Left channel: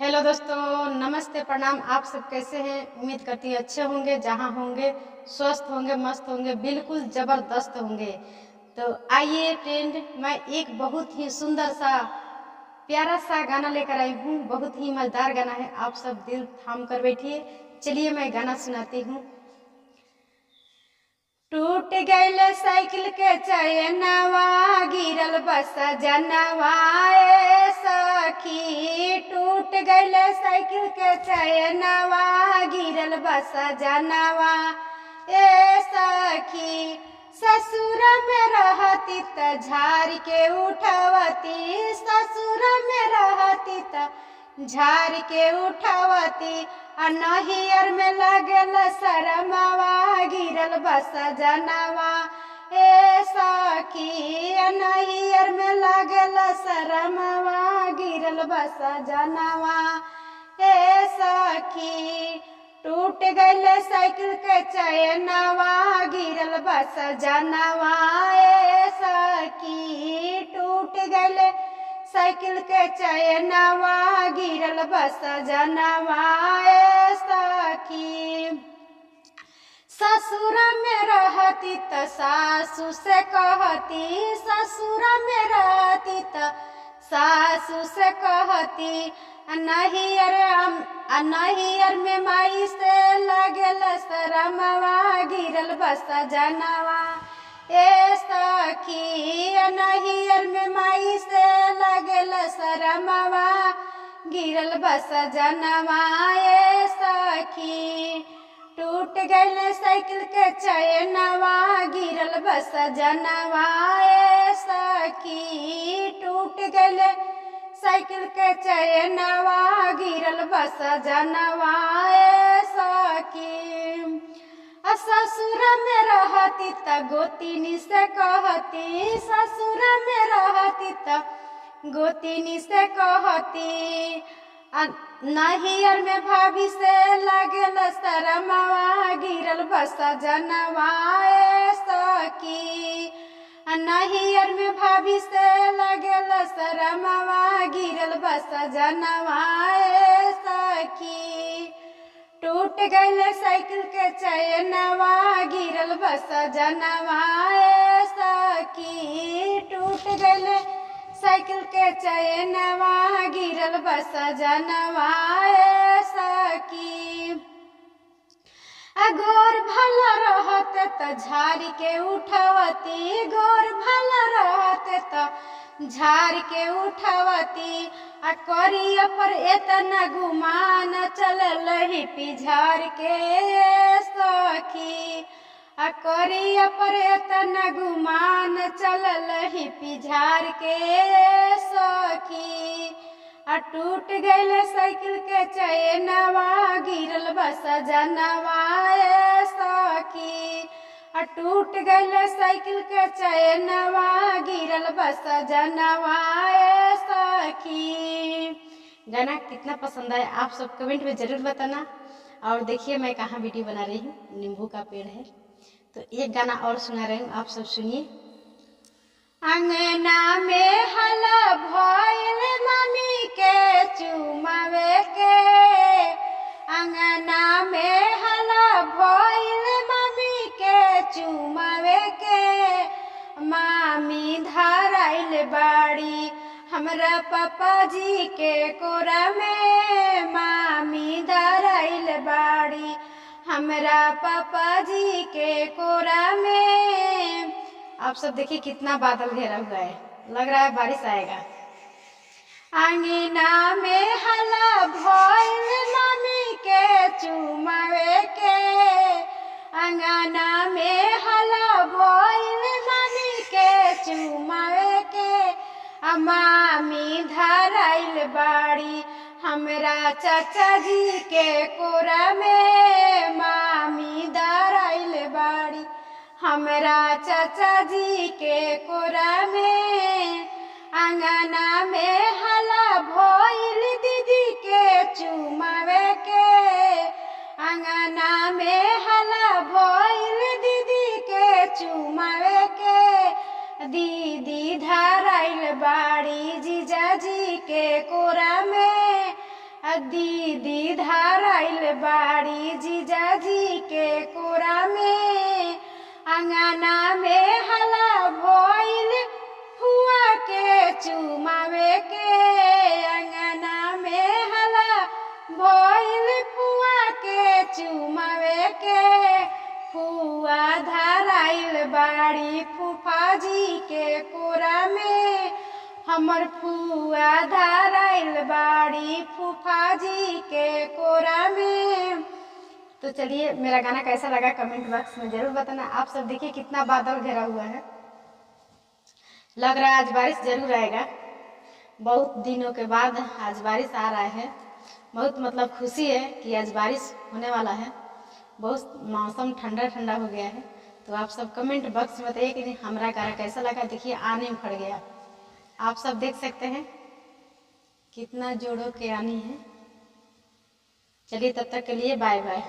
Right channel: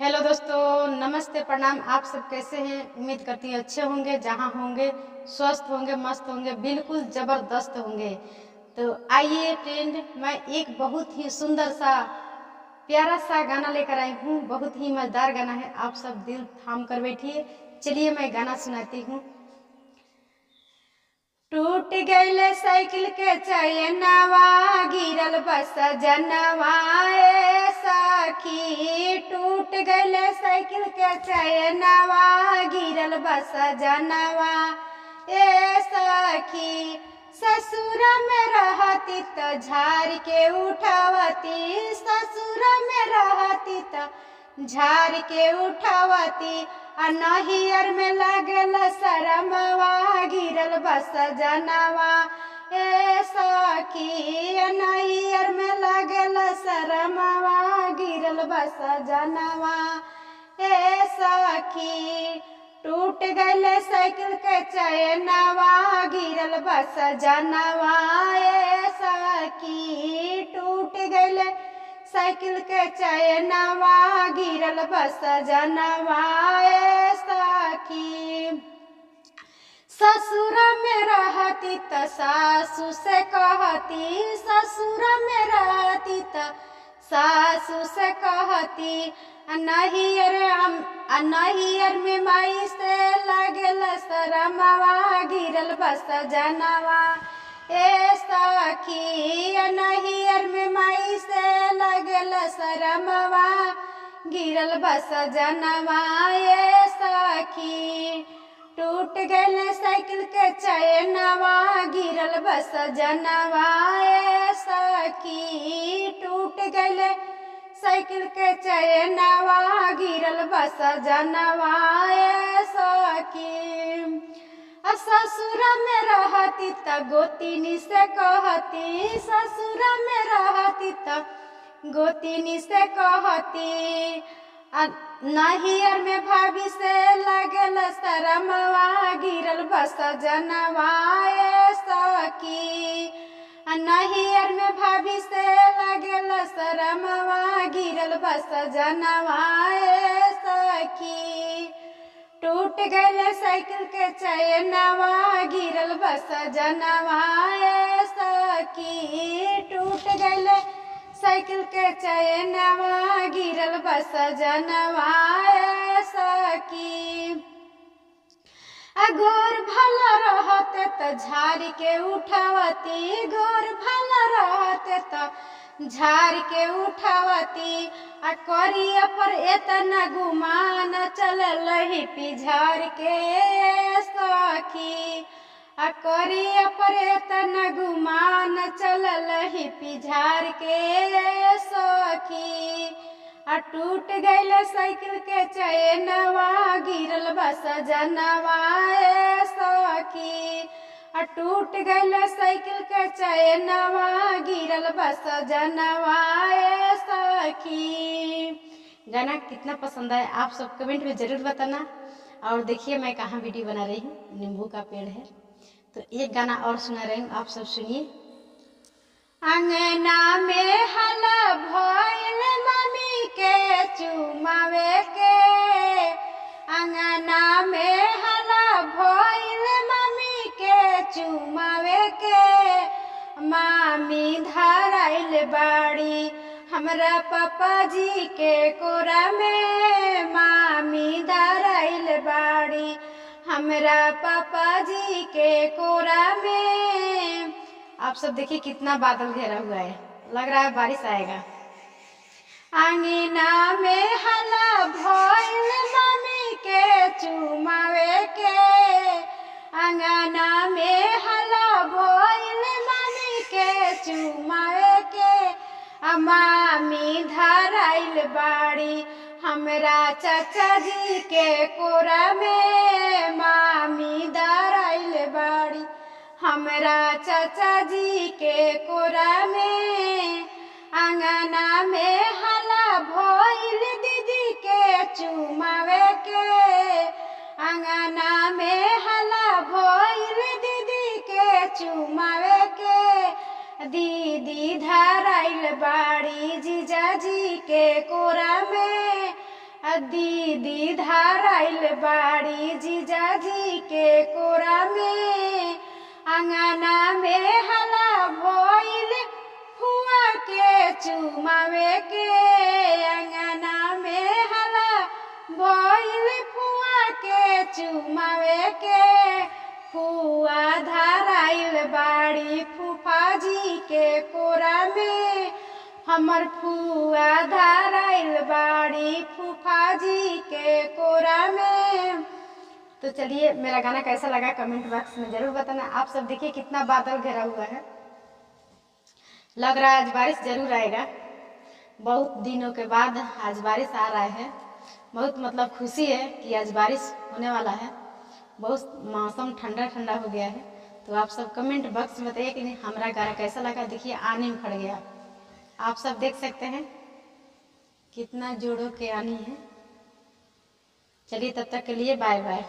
Hello दोस्तों, नमस्ते, प्रणाम। आप सब कैसे हैं? उम्मीद करती हूँ अच्छे होंगे, जहाँ होंगे स्वस्थ होंगे, मस्त होंगे, बिल्कुल ज़बरदस्त होंगे। तो आइए फ्रेंड, मैं एक बहुत ही सुंदर सा प्यारा सा गाना लेकर आई हूँ। बहुत ही मज़ेदार गाना है, आप सब दिल थाम कर बैठिए। चलिए मैं गाना सुनाती हूँ। टूट गईल साइकिल के चैनवा, गिरल बस जनवा ए सखी। टूट गईल साइकिल के चैनवा, गिरल बस जनवा ए सखी। ससुर में रहती त झाड़ के उठावती, ससुर में रहती त झाड़ के उठावती। आ नहियर में लगल शरमवा, गिरल बस जनवा ए सखी। नहियर में लगल शरमवा, गिरल बस जनवा ए सखी। टूट गईल साइकिल के चैनवा, गिरल बस जनवा ए सखी। टूट गईल साइकिल के चैनवा, गिरल बस जनवा ए सखी। ससुर में रहती त सासू से कहती, ससुर में रहती त सासू से कहती। नहियर में माई से लगल शरमवा, गिरल बस जनवा ए सखी। नहियर में माई से लगल शरमवा, गिरल बस जनवा ए सखी। टूट गईल साइकिल के चैनवा, गिरल बस जनवा ए सखी। टूट गईल साइकिल के चैनवा, गिरल बस जनवा ए सखी। ससुर में रहती त गोतिनी से कहती, ससुर में रहती त गोतिनी से कहती। नहियर में भाभी से लगल शरमवा, गिरल बस जनवा ए सखी। नहियर में भाभी से लगल शरमवा, गिरल बस जनवा ए सखी। टूट गईल साइकिल के चैनवा, गिरल बस जनवा ए सखी। टूट गईल साइकिल के चैनवा, गिरल बस जनवा ए सखी। गोर भला रहते त झाड़ के उठावती, गोर भला रहते त झाड़ के उठावती। करिया पर एतना गुमान चलल ही पिझाड़ के सखी। करिया पर एतना गुमान चलल ही पिझाड़ के सखी। टूट गईल साइकिल के चैनवा, गिरल बस जनवा ए सखी। टूट गईल साइकिल के चैनवा, गिरल बस जनवा ए सखी। गाना कितना पसंद आया आप सब कमेंट में ज़रूर बताना। और देखिए मैं कहाँ वीडियो बना रही हूँ, नींबू का पेड़ है। तो एक गाना और सुना रही हूँ, आप सब सुनिए। अंगना में हला भइल मम्मी के चुमावे के, अंगना में हला भइल मम्मी के चुमावे के। मामी धराइल बाड़ी हमरा पापा जी के कोरा में, मामी धराइल बाड़ी हमरा पापा जी के कोरा में। आप सब देखिए कितना बादल घेरा हुआ है, लग रहा है बारिश आएगा। अंगना में हला भइल मम्मी के चुमावे के, अंगना में हला भइल मम्मी के चुमावे के। मामी धराइल बाड़ी हमरा चाचा जी के कोरा में, मामी धराइल बाड़ी हमरा चाचा जी के कोरा में। अंगना में हला भइल दीदी के चुमावे के, अंगना में हला भइल दीदी के चुमावे के। दीदी धराइल बाड़ी जीजाजी के कोरा में, दीदी धराइल बाड़ी जीजाजी के कोरा में, अंगना में हला भइल फुआ के चुमावे के, अंगना में हला भइल फुआ के चुमावे के। फुआ धराइल बाड़ी फूफा जी के कोरा में, हमर फुआ धराइल बाड़ी फूफा जी के कोरा में। तो चलिए, मेरा गाना कैसा लगा कमेंट बॉक्स में ज़रूर बताना। आप सब देखिए कितना बादल घेरा हुआ है, लग रहा है आज बारिश ज़रूर आएगा। बहुत दिनों के बाद आज बारिश आ रहा है, बहुत मतलब खुशी है कि आज बारिश होने वाला है। बहुत मौसम ठंडा ठंडा हो गया है। तो आप सब कमेंट बॉक्स में बताइए कि हमारा गाना कैसा लगा। देखिए आने उखड़ गया, आप सब देख सकते हैं कितना जोड़ों के आनी है। चलिए तब तक के लिए बाय बाय।